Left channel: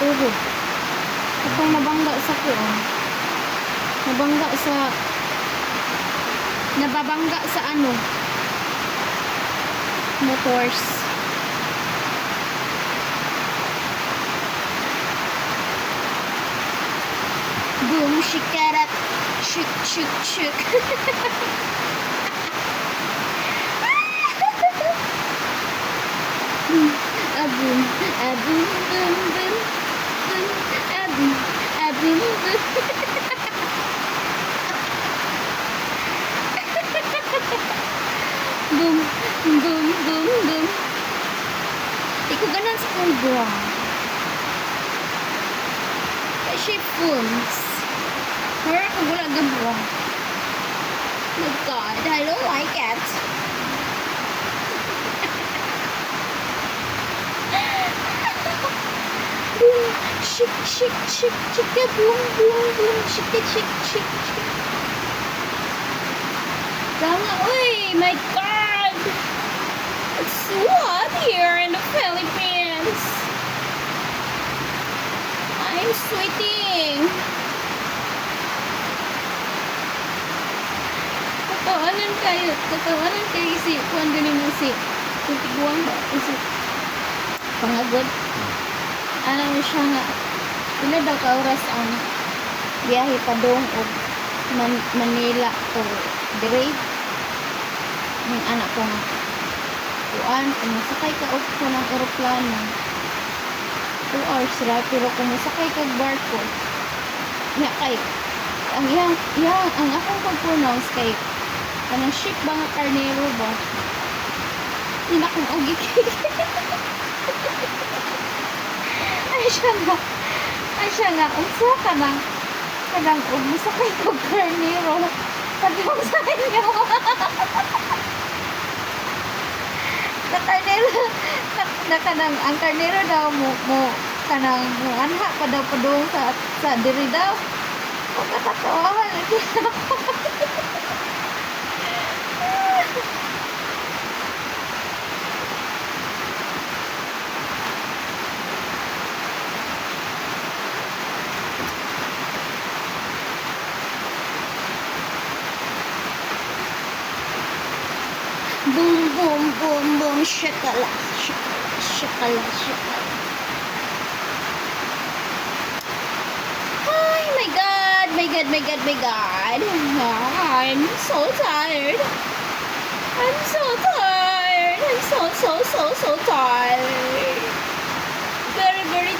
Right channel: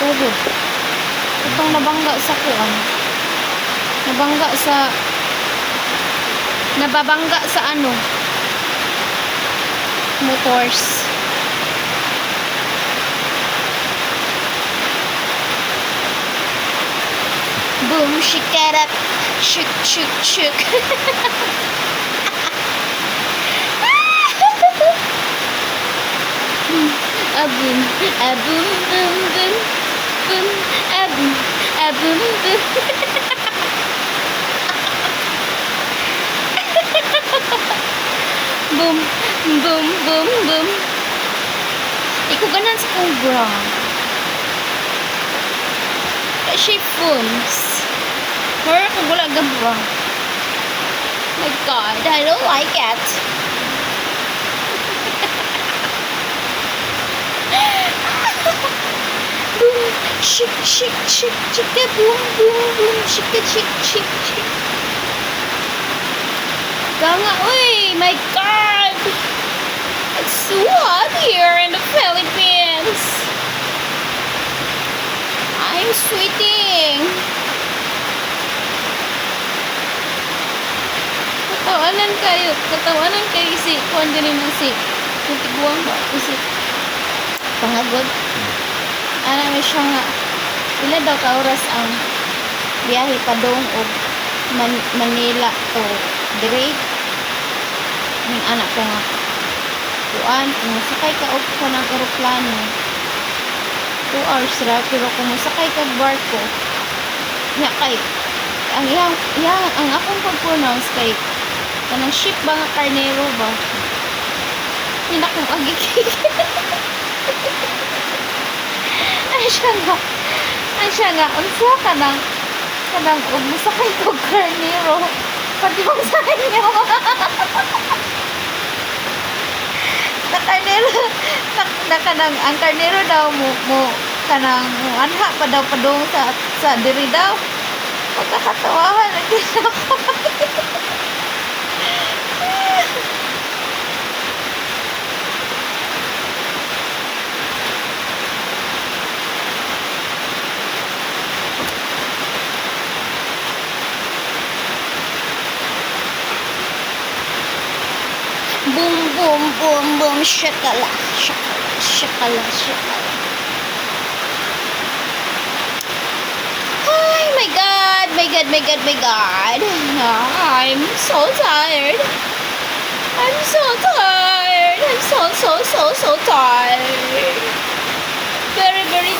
tuhod. Itong nabangga sa kuan. Nababangga sa ano? Motors. Boom, shake it up. Shook, shook, shook. A boom, a boom, boom, boom, boom, a boom, a boom, boom. Boom, boom, boom, boom. Ikaw ganan sa cobra. Kasi booms. Mara ko wala gabra. My God, I don't like it. Boom, shik, shik, shik, chika, boom, boom, boom, shika, shik, shik, shik. Ganga, uy, my God! It's so hot here in the Philippines. I'm sweating. Katawanan kayo si kuan din na si tiguang ba si pangagod. Ana mi siya nga ila daw ka oras ang biyahe padong og Manila to dire. Ning anak ko nga kuan kung sakay ka og kanang eroplano 2 hours ra pero kung sakay ka barko nya kay ang akong pag-pronounce kay kanang ship ba nga karnero ba yun akong agikik. Ay siya nga unsa kanang og musakay ko karnero padung sa inyo. na kanang ang karnero daw mo kanang anha pa daw padung sa diri daw pagkakatawahan lagi ako. Boom, boom, boom, boom, shakala, shakala, shakala, shakala. Ay, my God, my God, my God, my God. I'm so tired. I'm so tired. I'm so tired. Very, very